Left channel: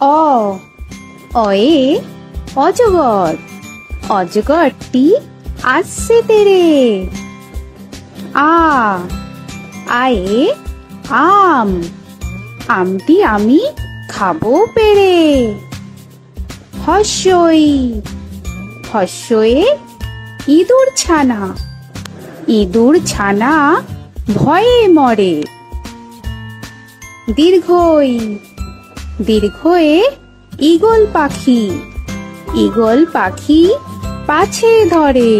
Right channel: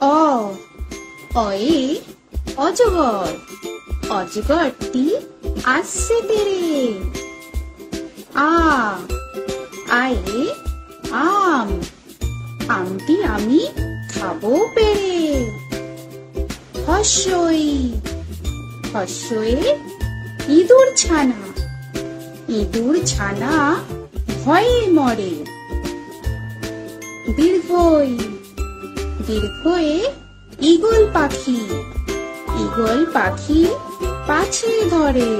অ অয়ে অজগর, অজগরটি আসছে তেরে। আ আয়ে আম, আমটি আমি খাবো পেড়ে। হস্যই হস্যয়ে ইঁদুর ছানা, ইঁদুর ছানা ভয়ে মরে। দীর্ঘই দীর্ঘয়ে ঈগল পাখি, ঈগল পাখি পাছে ধরে।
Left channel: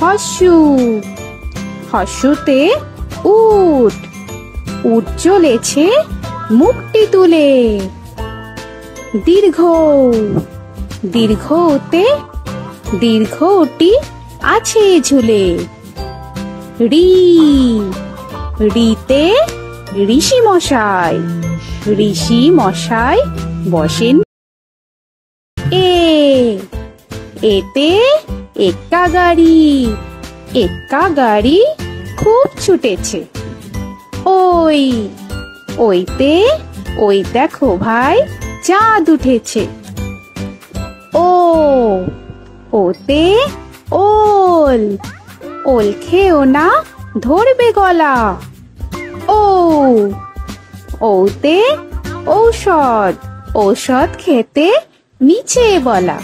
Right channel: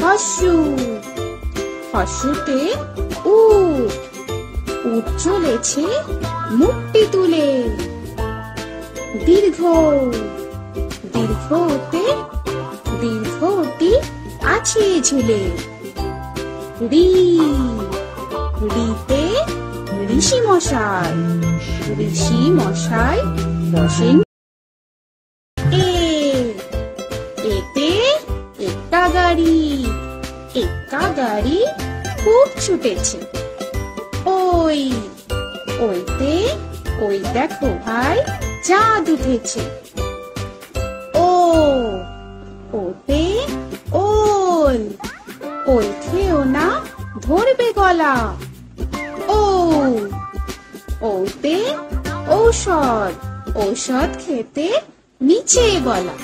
হস্যু হস্যুতে উট, উট চলেছে মুখটি তুলে। দীর্ঘ দীর্ঘতে দীর্ঘটি আছে ঝুলে। রি রিতে ঋষি মশাই, ঋষি মশাই বসেন। এ এতে এক্কা গাড়ি, এক্কা গাড়ি খুব ছুটেছে। ওই ওইতে ওই দেখো ভাই চাঁদ উঠেছে। ও ওতে ওল, ওল খেও না ধরবে গলা। ও ওতে ঔষধ, ঔষধ খেতে নিচে গলা।